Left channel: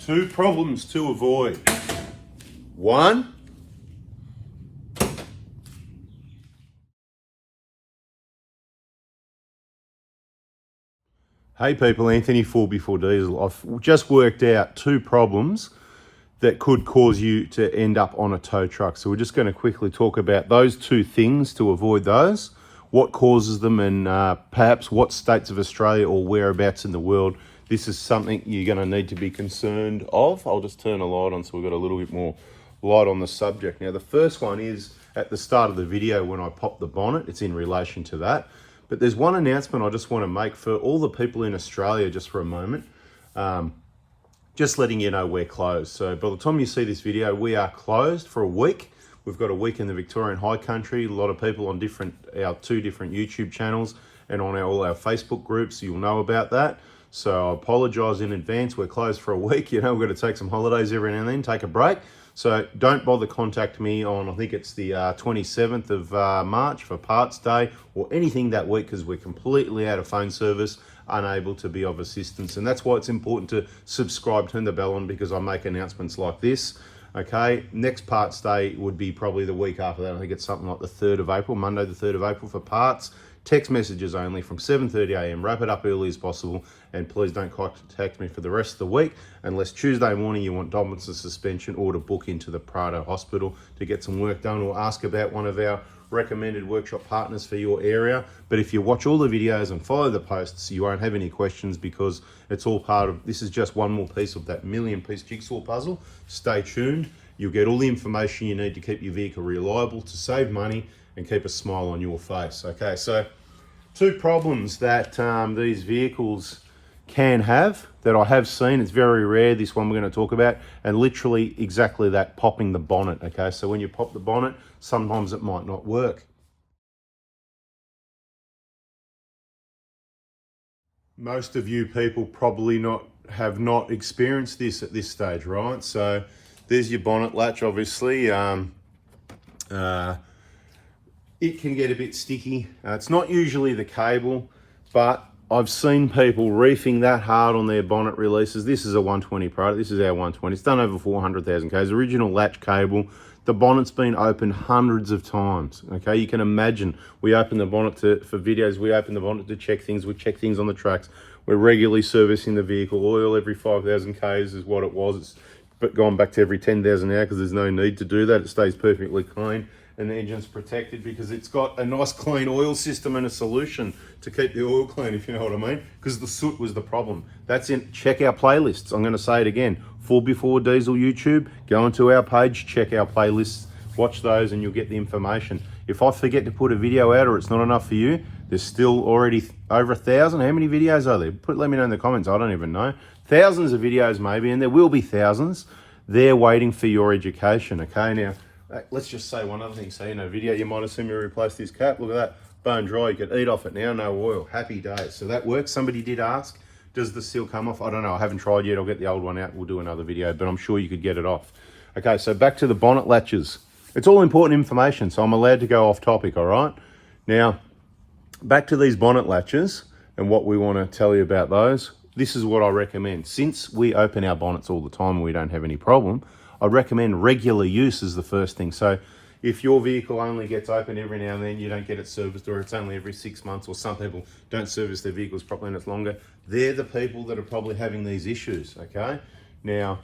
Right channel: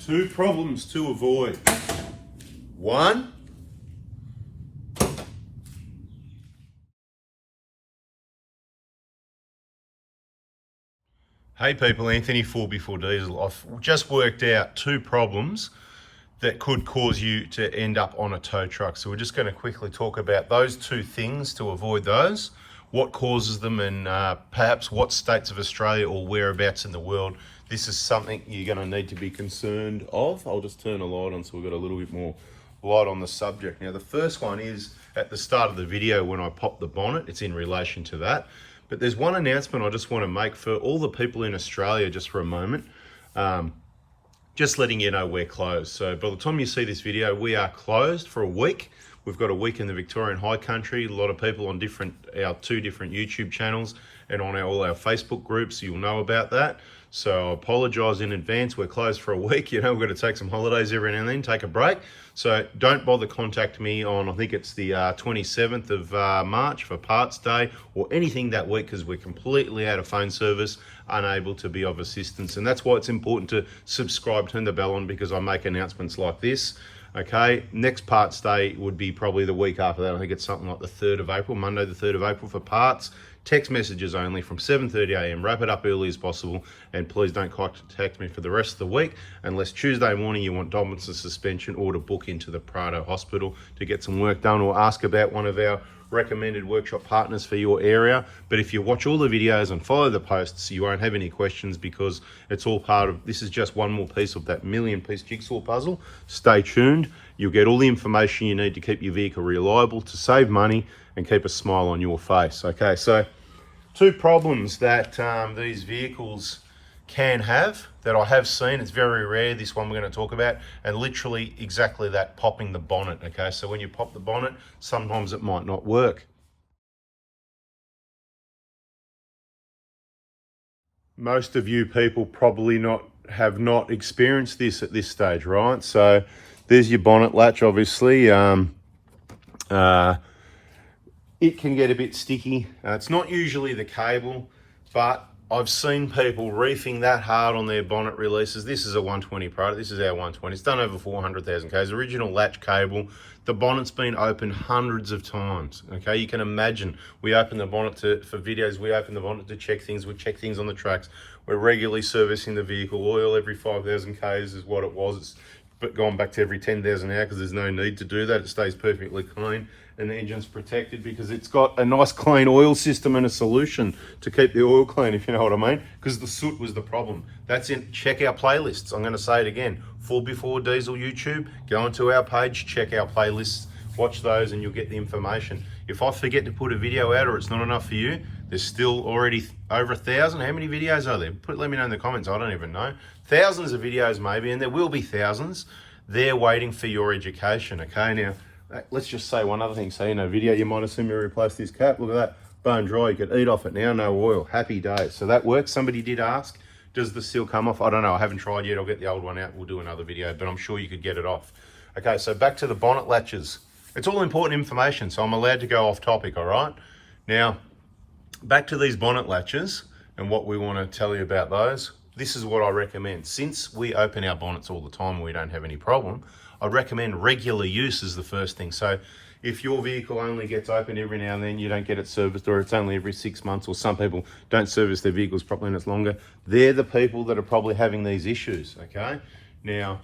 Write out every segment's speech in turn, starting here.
2 problems to avoid. 1, hey people, Anthony 4B4Diesel. I've just worked out 2 problems that could cause you to end up on a tow truck. So we're just going to quickly talk about those 2 things to avoid those, what causes them, and perhaps what states of Australia or whereabouts in the world this is something you're going to need to be concerned of. I'll just turn a light on so we've got a little bit more light on the subject. Now the first one is at the start of the video when I pop the bonnet. It's in relation to that. But there's one announcement I just want to make for all the people in Australia just for a moment. Just letting you know we're closed. So by the time you see this video, we are closed for a week. We've got a week in the Victorian High Country. A lot of people on our 2 different YouTube channels and on all our Facebook groups. You'll know about that. So I apologise in advance. We're closed for a week. You know, we're going to take some holidays every now and then, take a break. So don't bother contacting me on, I think it's the 27th of March for Parts Day or anything that week, because we're completely out of phone service, unable to be of assistance. And that's why it's important to subscribe, turn the bell on, because I make announcements like this. Okay, next Parts Day would be probably the week after that. I think it's something like the 3rd of April, Monday the 3rd of April for parts. Text messages only from 7:30 a.m. Wrap it up early as possible, and please don't contact me for the rest of the week unless Tuesday morning you want dominance and suspension, or to book into the Prado Hospital to get some work done, or ask about one of our recommended workshop partners for your area. But if you watch all the videos and follow the posts, you won't have any questions, because it's all part of, this is just one more piece of that million-piece jigsaw puzzle. Stay tuned. You'll get all the information you need to keep your vehicle reliable, to save money and keep a smile on your face. Okay, so 2 problems that these vehicles can have that I have seen. It's very rare, this one we're going to talk about, and literally exactly that, popping the bonnet. Okay, so when you pop the bonnet, sometimes it might not work. Most of you people probably have not experienced this at this stage, right? So there's your bonnet latch, obviously. It can get a bit sticky. It's not usually the cable, but I've seen people reefing that hard on their bonnet releases. This is a 120 product. This is our 120. It's done over 400,000 Ks. Original latch cable. The bonnet's been opened hundreds of times. Okay, you can imagine. We open the bonnet for videos. We open the bonnet to check things. We check things on the tracks. We're regularly servicing the vehicle. Oil every 5,000 Ks is what it was. It's gone back to every 10,000 now, because there's no need to do that. It stays perfectly clean. And the engine's protected because it's got a nice clean oil system and a solution to keep the oil clean, if you know what I mean, because the soot was the problem. That's it. Check our playlists. I'm going to say it again. 4B4Diesel YouTube, go into our page, check our playlists, watch those, and you'll get the information. If I forget to put a video out or it's not enough for you, there's still already over 1,000. How many videos are there? Let me know in the comments. I don't even know. Thousands of videos maybe, and there will be thousands. They're waiting for your education. Okay, now let's just say one other thing. So, you know, video, you might have seen me replace this cap. Look at that, bone dry. You can eat off it now, no oil. Happy days. So that works. Somebody did ask, does the seal come off? I don't know. I haven't tried yet. I'll get the old one out. We'll do another video, but I'm sure you could get it off. Okay, so back to the bonnet latches. It's all important information, so I'm allowed to go off topic, all right? Now, back to these bonnet latches and what we want to tell you about those. This is what I recommend. Since we open our bonnets all the time and we don't have any problem, I recommend regular use as the first thing. So if your vehicle only gets opened every now and then, you don't get it serviced, or it's only every 6 months, or some people don't service their vehicles properly and it's longer, they're the people that are probably having these issues, okay? Now,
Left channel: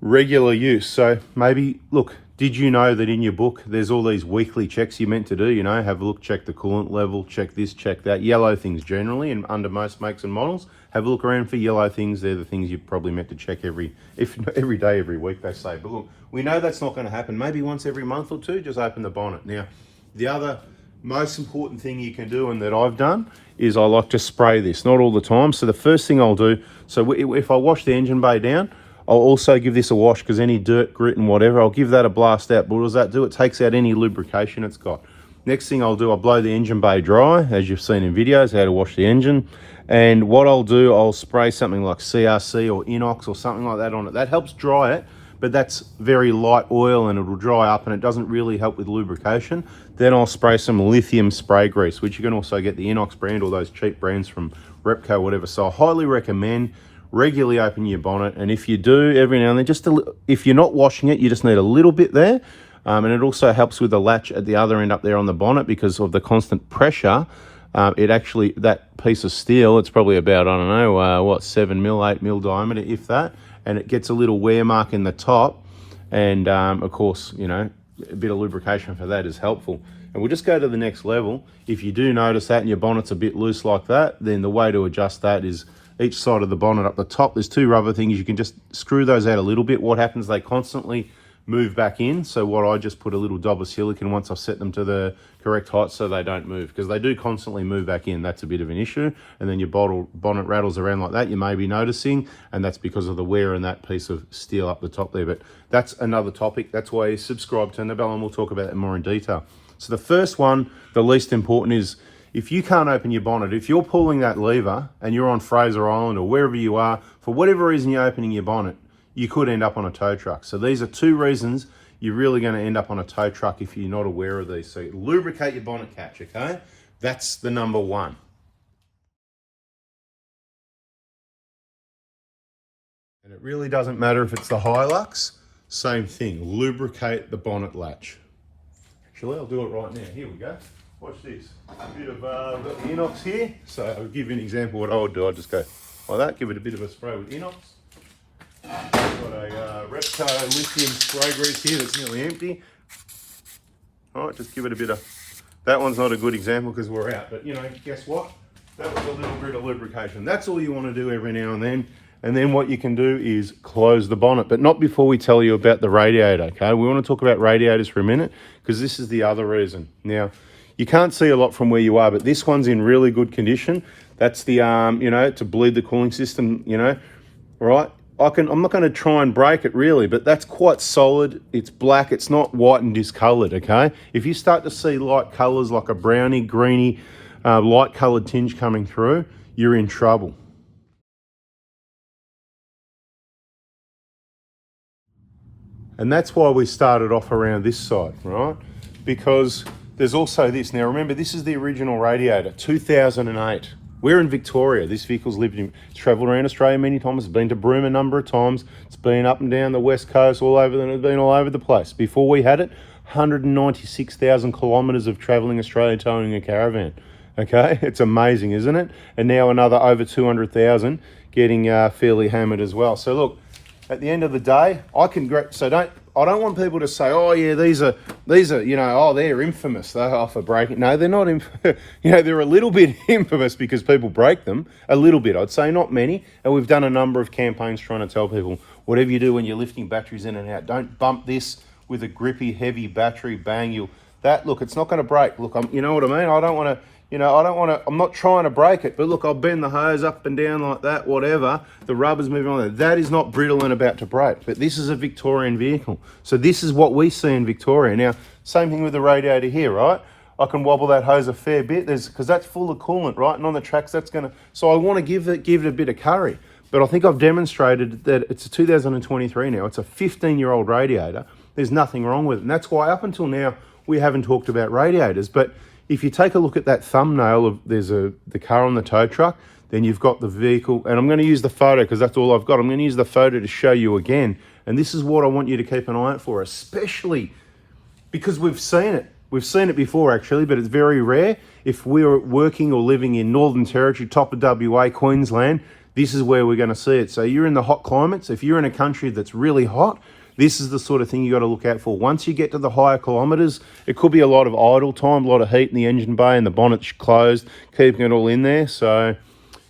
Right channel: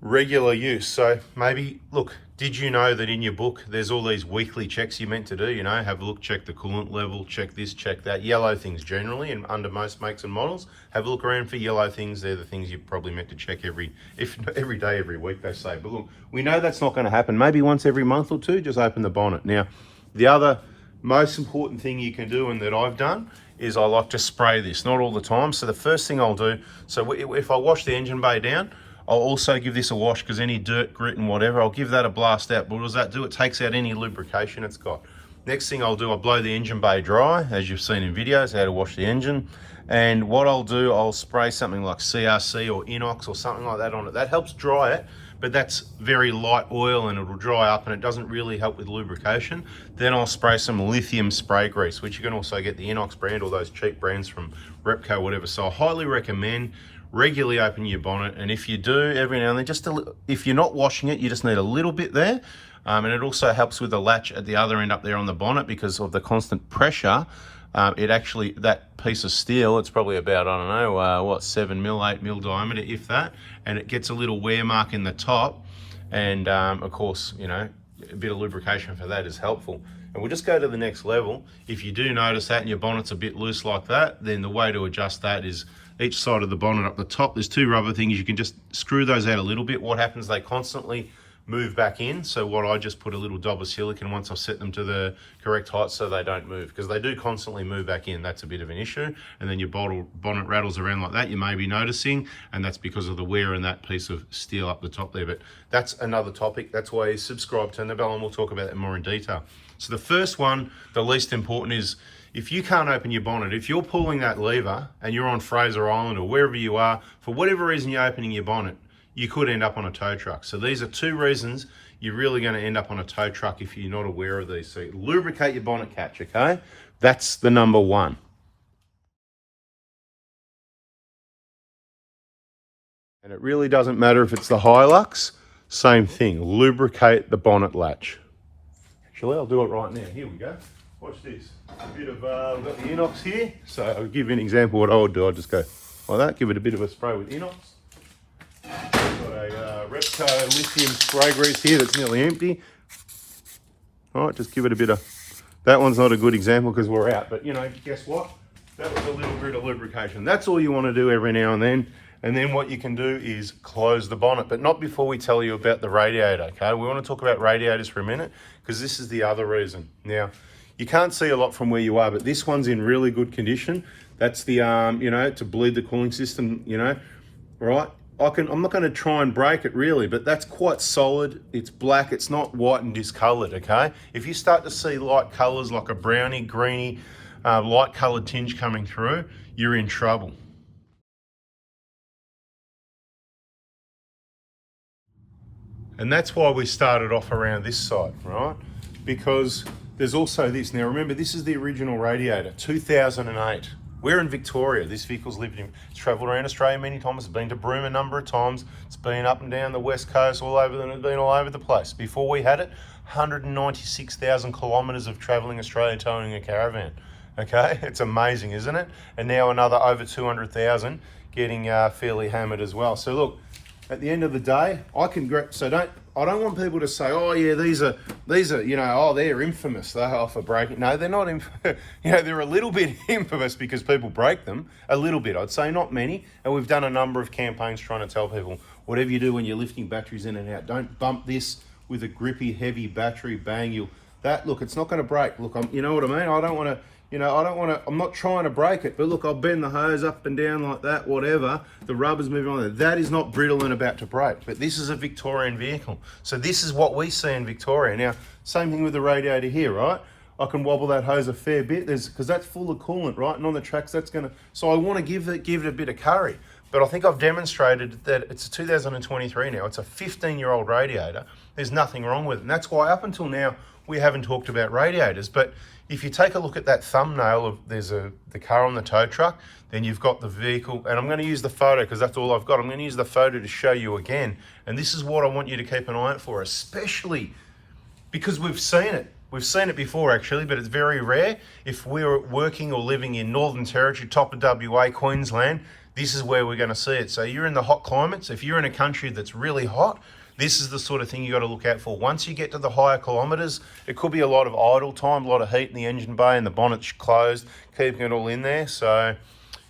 regular use. So maybe, look, did you know that in your book, there's all these weekly checks you're meant to do, you know, have a look, check the coolant level, check this, check that, yellow things generally, and under most makes and models, have a look around for yellow things. They're the things you're probably meant to check every day, every week, they say. But look, we know that's not going to happen. Maybe once every month or 2, just open the bonnet. Now, the other most important thing you can do, and that I've done, is I like to spray this, not all the time. So the first thing I'll do, so if I wash the engine bay down, I'll also give this a wash, because any dirt, grit and whatever, I'll give that a blast out. But what does that do? It takes out any lubrication it's got. Next thing I'll do, I'll blow the engine bay dry, as you've seen in videos, how to wash the engine. And what I'll do, I'll spray something like CRC or Inox or something like that on it. That helps dry it, but that's very light oil and it'll dry up and it doesn't really help with lubrication. Then I'll spray some lithium spray grease, which you can also get the Inox brand or those cheap brands from Repco, whatever. So I highly recommend regularly open your bonnet, and if you do every now and then, if you're not washing it, you just need a little bit there. And it also helps with the latch at the other end up there on the bonnet because of the constant pressure. It actually, that piece of steel, it's probably about, I don't know, 7 mil, 8 mil diameter, if that, and it gets a little wear mark in the top. And of course, you know, a bit of lubrication for that is helpful. And we'll just go to the next level. If you do notice that and your bonnet's a bit loose like that, then the way to adjust that is each side of the bonnet up the top, there's two rubber things. You can just screw those out a little bit. What happens, they constantly move back in. So what I just put a little dab of silicone once I've set them to the correct height so they don't move, because they do constantly move back in. That's a bit of an issue. And then your bonnet rattles around like that, you may be noticing, and that's because of the wear in that piece of steel up the top there. But that's another topic. That's why you subscribe, turn the bell, and we'll talk about that more in detail. So the first one, the least important, is if you can't open your bonnet, if you're pulling that lever and you're on Fraser Island or wherever you are, for whatever reason you're opening your bonnet, you could end up on a tow truck. So these are two reasons you're really going to end up on a tow truck if you're not aware of these. So lubricate your bonnet catch, okay? That's the number one. And it really doesn't matter if it's the Hilux, same thing, lubricate the bonnet latch. Actually, I'll do it right now. Here we go. Watch this. A bit of, I've got the inox here. So I'll give you an example of what I would do. I'll just go like that, give it a bit of a spray with inox. I've got a Repco lithium spray grease here that's nearly empty. All right, just give it a bit of, that one's not a good example because we're out, but you know, guess what? That was a little bit of lubrication. That's all you want to do every now and then. And then what you can do is close the bonnet, but not before we tell you about the radiator, okay? We want to talk about radiators for a minute because this is the other reason. Now, you can't see a lot from where you are, but this one's in really good condition. That's the, you know, to bleed the cooling system, you know, all right? I'm not going to try and break it really, but that's quite solid. It's black, it's not white and discolored, okay? If you start to see light colors like a browny, greeny, light colored tinge coming through, you're in trouble. And that's why we started off around this side, right? Because there's also this. Now remember, this is the original Radiator, 2008. We're in Victoria. This vehicle's it's travelled around Australia many times. It's been to Broome a number of times. It's been up and down the west coast, been all over the place. Before we had it, 196,000 kilometres of travelling Australia towing a caravan. Okay, it's amazing, isn't it? And now another over 200,000 getting fairly hammered as well. So look, at the end of the day, I don't want people to say, oh yeah, these are, you know, oh, they're infamous. They offer breaking. No, they're not. You know, they're a little bit infamous because people break them a little bit. I'd say not many. And we've done a number of campaigns trying to tell people, whatever you do when you're lifting batteries in and out, don't bump this with a grippy, heavy battery. Bang, look, it's not going to break. Look, you know what I mean? I don't want to. You know, I'm not trying to break it, but look, I'll bend the hose up and down like that, whatever. The rubber's moving on there. That is not brittle and about to break, but this is a Victorian vehicle. So this is what we see in Victoria. Now, same thing with the radiator here, right? I can wobble that hose a fair bit because that's full of coolant, right? And on the tracks, that's gonna, so I want to give it a bit of curry. But I think I've demonstrated that it's a 2023 now. It's a 15-year-old radiator. There's nothing wrong with it. And that's why up until now, we haven't talked about radiators. But if you take a look at that thumbnail of the car on the tow truck, then you've got the vehicle, and I'm going to use the photo because that's all I've got. I'm going to use the photo to show you again. And this is what I want you to keep an eye out for, especially because we've seen it. We've seen it before actually, but it's very rare. If we're working or living in Northern Territory, top of WA, Queensland, this is where we're going to see it. So you're in the hot climates. If you're in a country that's really hot, this is the sort of thing you got to look out for. Once you get to the higher kilometres, it could be a lot of idle time, a lot of heat in the engine bay and the bonnet's closed, keeping it all in there. So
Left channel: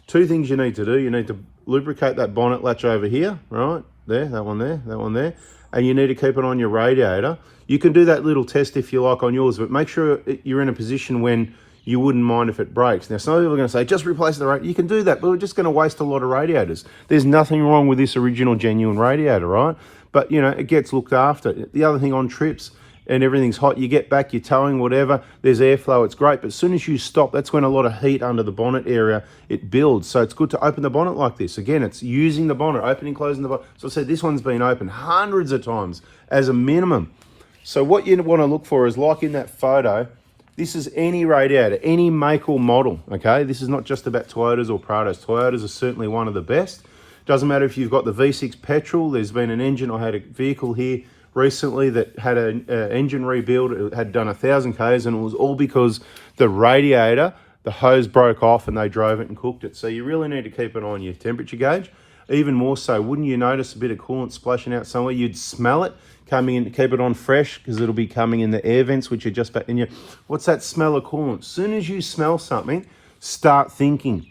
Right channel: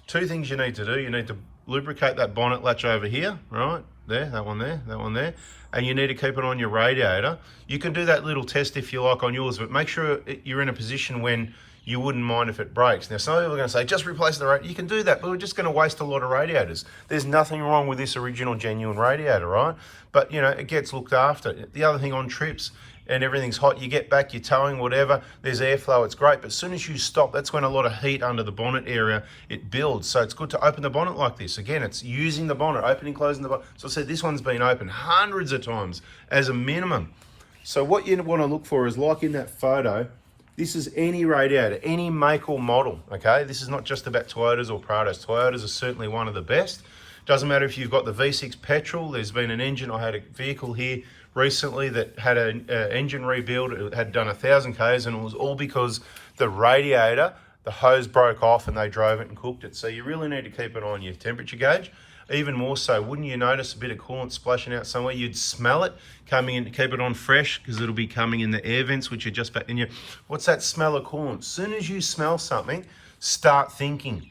two things you need to do. You need to lubricate that bonnet latch over here, right? There, that one there, that one there. And you need to keep it on your radiator. You can do that little test if you like on yours, but make sure you're in a position when you wouldn't mind if it breaks. Now, some people are going to say, just replace the radiator. You can do that, but we're just going to waste a lot of radiators. There's nothing wrong with this original genuine radiator, right? But, you know, it gets looked after. The other thing on trips and everything's hot, you get back, you're towing, whatever, there's airflow, it's great. But as soon as you stop, that's when a lot of heat under the bonnet area, it builds. So it's good to open the bonnet like this. Again, it's using the bonnet, opening, closing the bonnet. So I said this one's been open hundreds of times as a minimum. So what you want to look for is, like in that photo, this is any radiator, any make or model, okay? This is not just about Toyotas or Prados. Toyotas are certainly one of the best. Doesn't matter if you've got the V6 petrol. There's been an engine, I had a vehicle here recently that had an engine rebuild. It had done 1,000 Ks, and it was all because the radiator, the hose broke off and they drove it and cooked it. So you really need to keep it on your temperature gauge. Even more so, wouldn't you notice a bit of coolant splashing out somewhere? You'd smell it coming in. Keep it on fresh, because it'll be coming in the air vents, which are just back in your... What's that smell of coolant? As soon as you smell something, start thinking.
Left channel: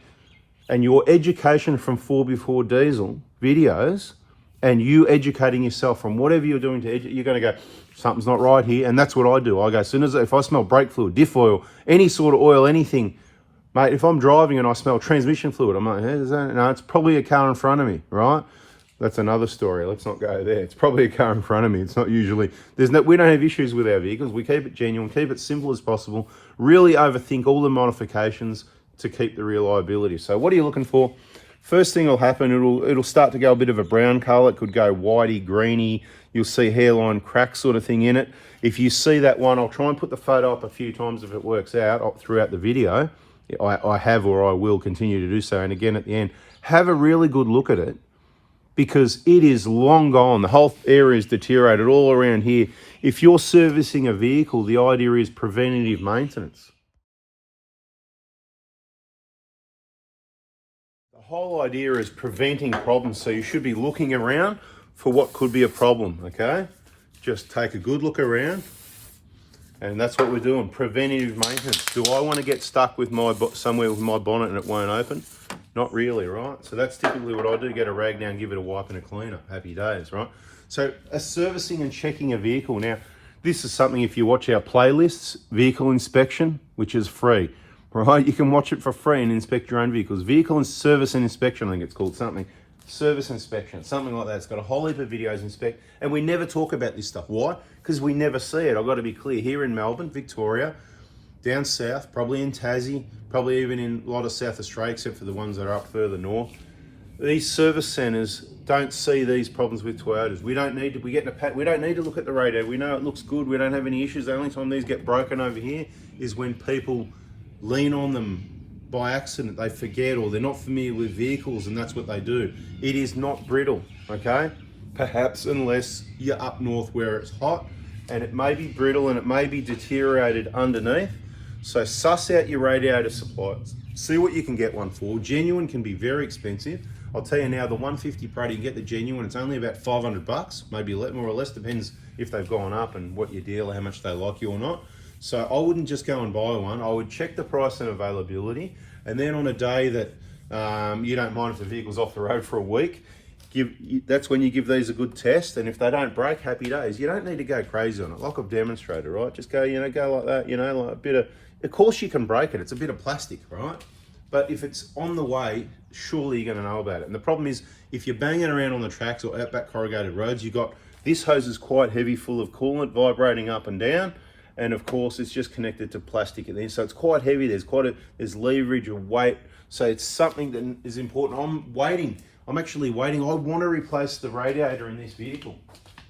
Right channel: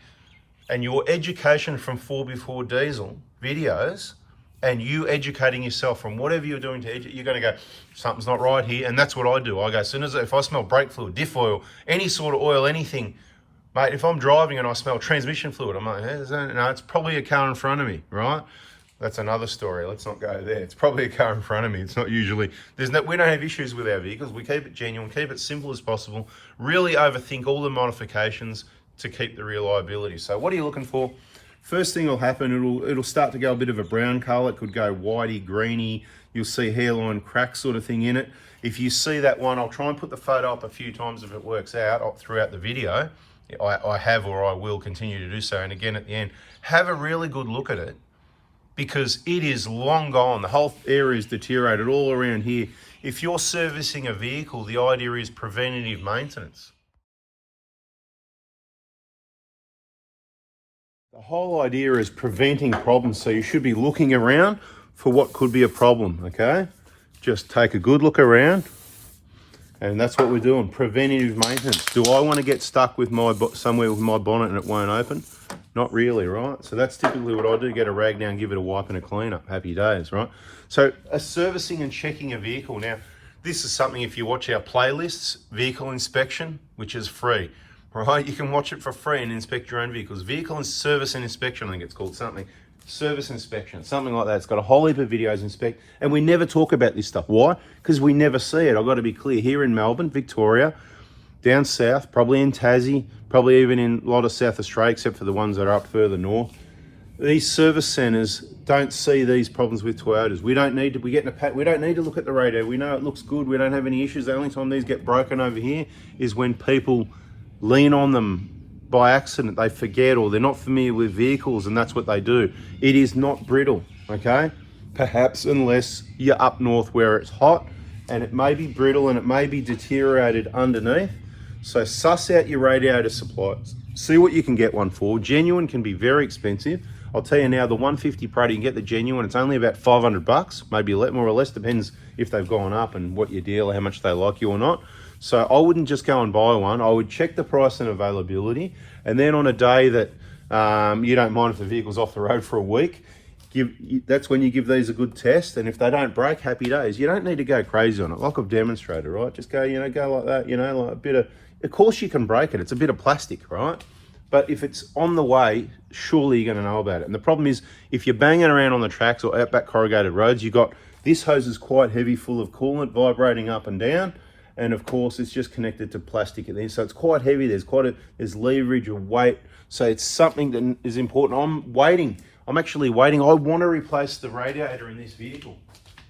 And your education from 4x4 diesel videos, and you educating yourself from whatever you're doing to you're going to go, something's not right here. And that's what I do. I go, as soon as, if I smell brake fluid, diff oil, any sort of oil, anything, mate, if I'm driving and I smell transmission fluid, I'm like, no, it's probably a car in front of me, right? That's another story. Let's not go there. It's probably a car in front of me. It's not usually, we don't have issues with our vehicles. We keep it genuine, keep it simple as possible, really overthink all the modifications to keep the reliability. So what are you looking for? First thing will happen, it'll start to go a bit of a brown color. It could go whitey, greeny. You'll see hairline crack sort of thing in it. If you see that one, I'll try and put the photo up a few times if it works out throughout the video. I have, or I will continue to do so. And again, at the end, have a really good look at it, because it is long gone. The whole area is deteriorated all around here. If you're servicing a vehicle, the idea is preventative maintenance. The whole idea is preventing problems, so you should be looking around for what could be a problem, okay? Just take a good look around, and that's what we're doing, preventative maintenance. Do I want to get stuck with somewhere with my bonnet and it won't open? Not really, right? So that's typically what I do, get a rag down, give it a wipe and a clean up, happy days, right? So servicing and checking a vehicle. Now, this is something, if you watch our playlists, vehicle inspection, which is free. Right, you can watch it for free and inspect your own vehicles. Vehicle and service and inspection, I think it's called something. Service inspection, something like that. It's got a whole heap of videos inspect, and we never talk about this stuff. Why? Because we never see it. I've got to be clear. Here in Melbourne, Victoria, down south, probably in Tassie, probably even in a lot of South Australia, except for the ones that are up further north, these service centres don't see these problems with Toyotas. We don't need to. We don't need to look at the radio. We know it looks good. We don't have any issues. The only time these get broken over here is when people lean on them by accident. They forget, or they're not familiar with vehicles, and that's what they do. It is not brittle, okay? Perhaps unless you're up north where it's hot, and it may be brittle and it may be deteriorated underneath. So suss out your radiator supplies. See what you can get one for. Genuine can be very expensive. I'll tell you now, the 150 Pro, you can get the genuine. It's only about 500 bucks, maybe a little more or less, depends if they've gone up and what your deal, how much they like you or not. So I wouldn't just go and buy one. I would check the price and availability. And then on a day that you don't mind if the vehicle's off the road for a week, that's when you give these a good test. And if they don't break, happy days. You don't need to go crazy on it, like I've demonstrated, right? Just go, go like that, like a bit of course you can break it. It's a bit of plastic, right? But if it's on the way, surely you're going to know about it. And the problem is, if you're banging around on the tracks or outback corrugated roads, this hose is quite heavy, full of coolant, vibrating up and down. And of course, it's just connected to plastic in there. So it's quite heavy. There's leverage or weight. So it's something that is important. I'm actually waiting. I want to replace the radiator in this vehicle,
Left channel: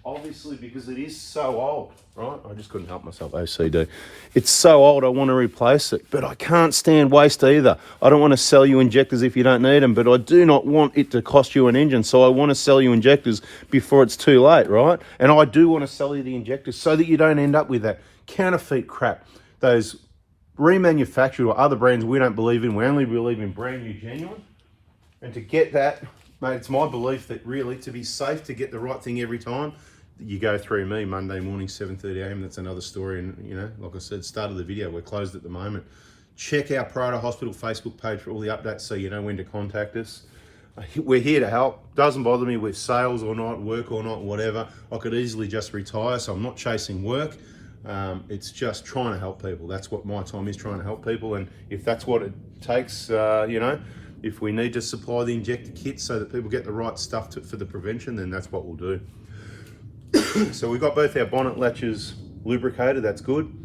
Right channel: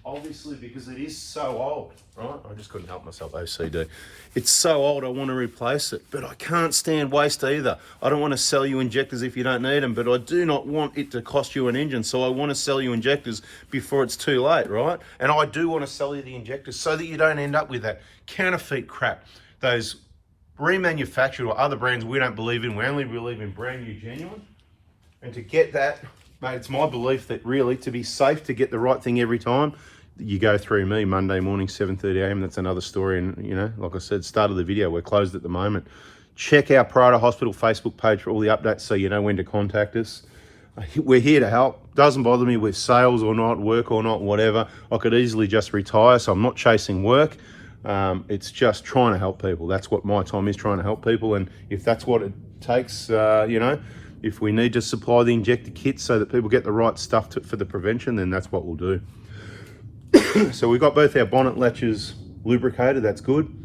obviously, because it is so old, right? I just couldn't help myself, OCD. It's so old, I want to replace it, but I can't stand waste either. I don't want to sell you injectors if you don't need them, but I do not want it to cost you an engine, so I want to sell you injectors before it's too late, right? And I do want to sell you the injectors so that you don't end up with that counterfeit crap, those remanufactured or other brands we don't believe in. We only believe in brand new, genuine. And to get that, mate, it's my belief that really, to be safe, to get the right thing every time, you go through me Monday morning, 7:30 a.m. That's another story. And, like I said, start of the video, we're closed at the moment. Check our Prado Hospital Facebook page for all the updates so you know when to contact us. We're here to help. Doesn't bother me with sales or not, work or not, whatever. I could easily just retire, so I'm not chasing work. It's just trying to help people. That's what my time is, trying to help people. And if that's what it takes, if we need to supply the injector kits so that people get the right stuff for the prevention, then that's what we'll do. So we've got both our bonnet latches lubricated, that's good.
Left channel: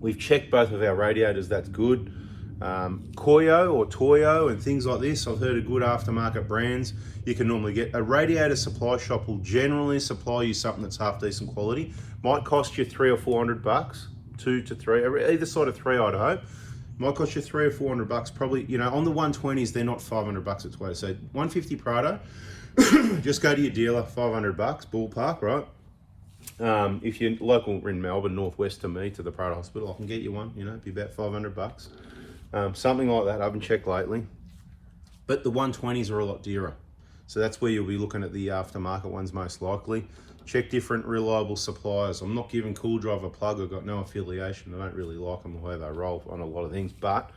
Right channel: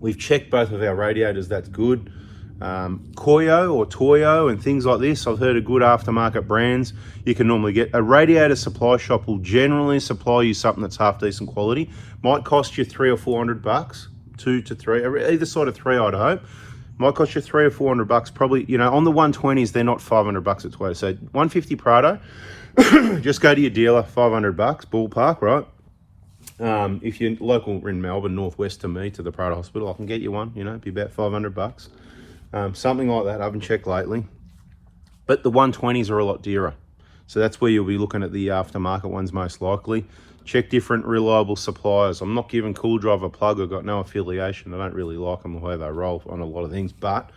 We've checked both of our radiators, that's good. Koyo or Toyo and things like this, I've heard of good aftermarket brands you can normally get. A radiator supply shop will generally supply you something that's half decent quality. Might cost you $300 or $400, 2 to 3, either side of 3 I'd hope. Might cost you $300 or $400, probably, you know, on the 120s, they're not $500 at Toyota. So 150 Prado, just go to your dealer, $500, ballpark, right? If you're local in Melbourne, northwest to me, to the Prado Hospital, I can get you one, you know, it'd be about $500. Something like that, I haven't checked lately. But the 120s are a lot dearer. So that's where you'll be looking at the aftermarket ones most likely. Check different reliable suppliers. I'm not giving Cool Drive a plug. I've got no affiliation. I don't really like them the way they roll on a lot of things, but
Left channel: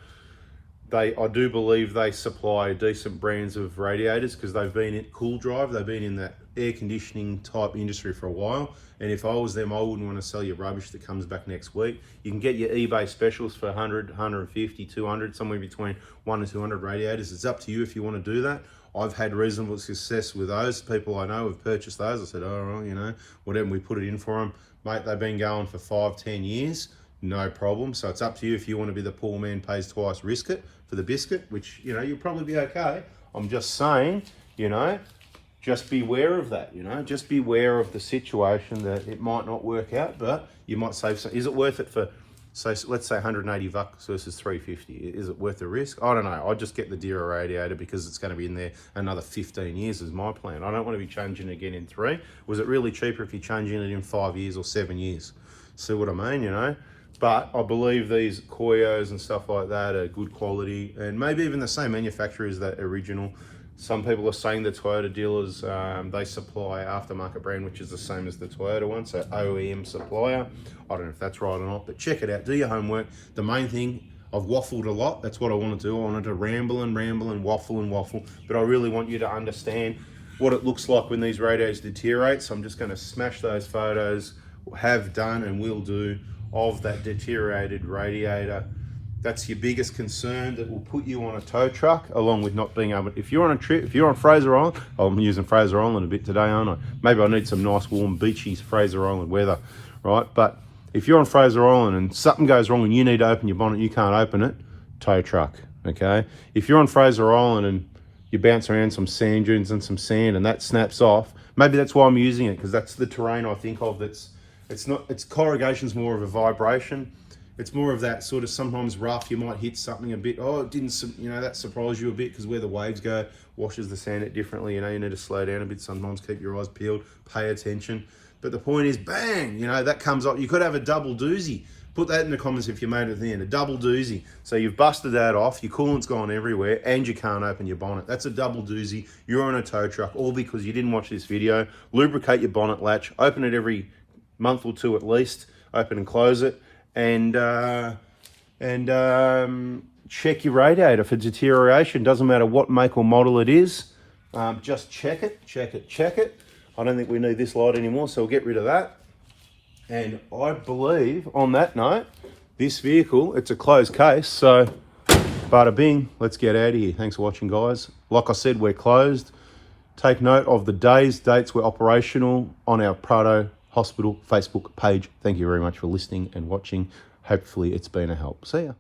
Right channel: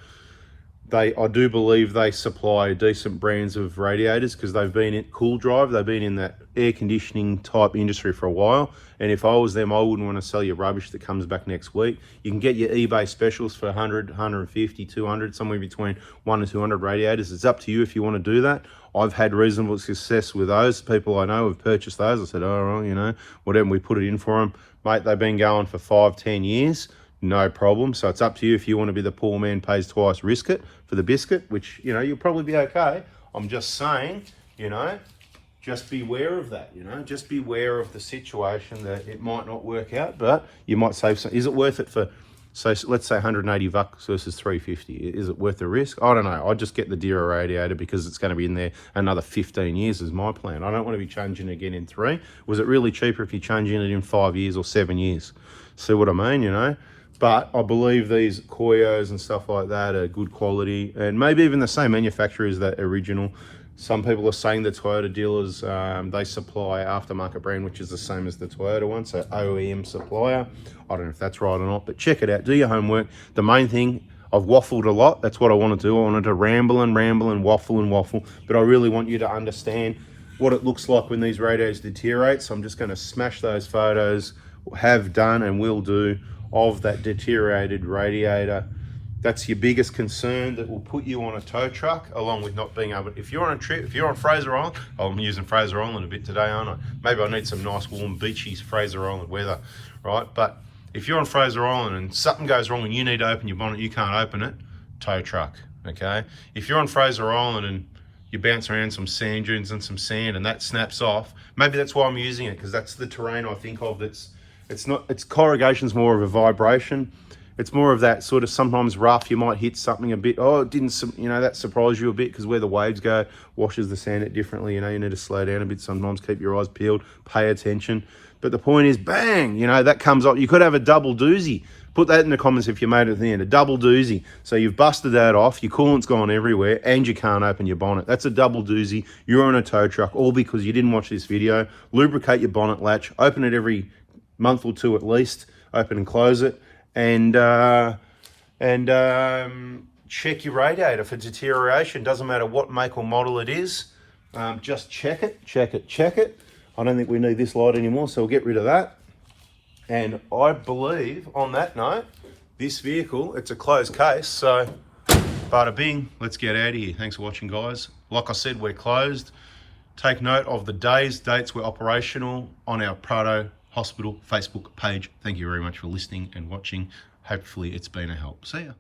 I do believe they supply decent brands of radiators because they've been in Cool Drive. They've been in that air conditioning type industry for a while. And if I was them, I wouldn't want to sell you rubbish that comes back next week. You can get your eBay specials for 100, 150, 200, somewhere between 1 and 200 radiators. It's up to you if you want to do that. I've had reasonable success with those. People I know have purchased those. I said, oh, you know, whatever, we put it in for them. Mate, they've been going for 5, 10 years. No problem. So it's up to you if you want to be the poor man pays twice, risk it for the biscuit, which, you know, you'll probably be okay. I'm just saying, you know, just beware of that, you know, just beware of the situation that it might not work out, but you might save some. Is it worth it for, so let's say $180 versus $350? Is it worth the risk? I don't know. I'll just get the dearer radiator because it's going to be in there another 15 years is my plan. I don't want to be changing again in 3. Was it really cheaper if you're changing it in 5 years or 7 years? See what I mean, you know? But I believe these Koyos and stuff like that are good quality and maybe even the same manufacturer as that original. Some people are saying the Toyota dealers, they supply aftermarket brand, which is the same as the Toyota one, so OEM supplier. I don't know if that's right or not, but check it out, do your homework. The main thing, I've waffled a lot. That's what I want to do. I wanted to ramble and waffle, but I really want you to understand what it looks like when these radiators deteriorate. So I'm just going to smash those photos, have done and will do, of that deteriorated radiator. That's your biggest concern that will put you on a tow truck, along with not being able, if you're on a trip, if you're on Fraser Island, I'm using Fraser Island a bit today, aren't I? Maybe I need some nice warm beachy Fraser Island weather, right? But if you're on Fraser Island and something goes wrong and you need to open your bonnet, you can't open it, tow truck, okay? If you're on Fraser Island and you bounce around some sand dunes and some sand and that snaps off, maybe that's why I'm using it, because that's the terrain I think of. It's corrugation's more of a vibration. It's more of that sort of sometimes rough, you might hit something a bit, oh, it didn't, you know, that surprised you a bit because where the waves go washes the sand it differently. You know, you need to slow down a bit sometimes, keep your eyes peeled, pay attention. But the point is, bang, you know, that comes up. You could have a double doozy. Put that in the comments if you made it at the end, a double doozy. So you've busted that off, your coolant's gone everywhere, and you can't open your bonnet. That's a double doozy. You're on a tow truck, all because you didn't watch this video. Lubricate your bonnet latch, open it every month or 2 at least, open and close it. And check your radiator for deterioration. Doesn't matter what make or model it is. Just check it. I don't think we need this light anymore, so we'll get rid of that. And I believe, on that note, this vehicle, it's a closed case, so bada bing, let's get out of here. Thanks for watching, guys. Like I said, we're closed. Take note of the dates we're operational on our Prado Hospital Facebook page. Thank you very much for listening and watching. Hopefully it's been a help. See ya.